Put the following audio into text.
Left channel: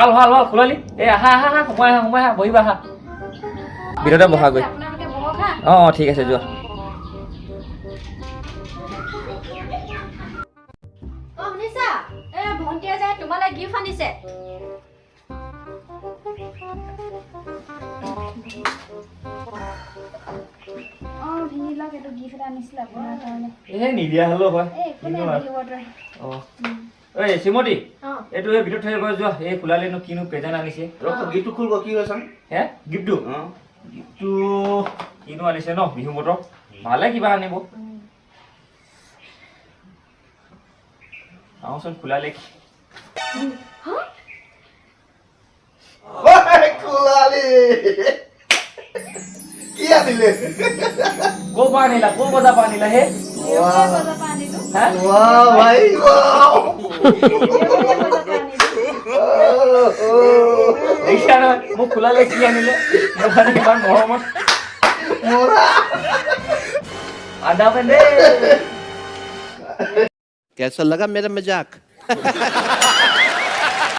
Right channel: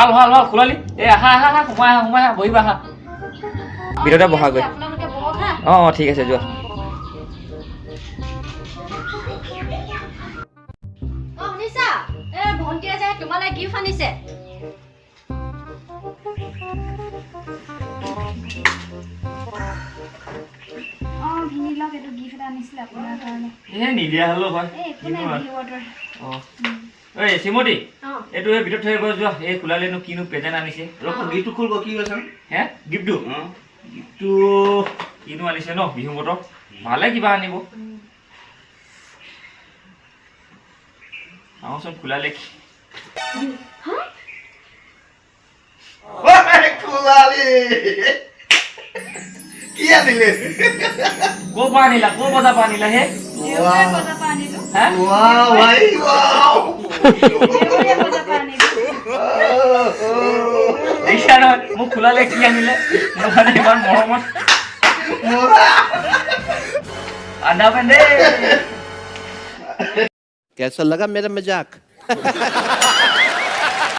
ভাল ভাল ভাল খোলালি এই আহা আহা আহা সোমাই আহা বহিবা আহা ভিতৰতে বহাগৈ অঁ ঠিক আছে যোৱা শুনিছা ভণ্টিয়ে যে তোমালৈ গিফ্ট আনিছে ভিনিলক এইটো গিফ্ট এটা আনিছিলে আপোনাৰ কাৰণে নিদিয়া হ'লেও হয় ঐ শ্ৰীমতী এইটো এই ভিতৰত থৈ গৈ যোৱা এই খোলালিনো কিনো প্ৰেজেণ্ট আনিছে গিফ্টটো খুলব কি কৈছে হে গিফ্টটো গিফ্টটো কিনো আনিছে ন বিহু বতক ভালে কিবা আনিব চাওঁচোন খোলালি খোলালি কি আনিলে ক'ৰ পৰা আনিলা ক'ৰ বজাৰ পৰা আনিলা হে দেখিছা নহয় মোক খোলালে কি আনিলে মোৰ কাৰণে ইমান মৰমত আদা পেন দে कैसा लगा मेरा मजाक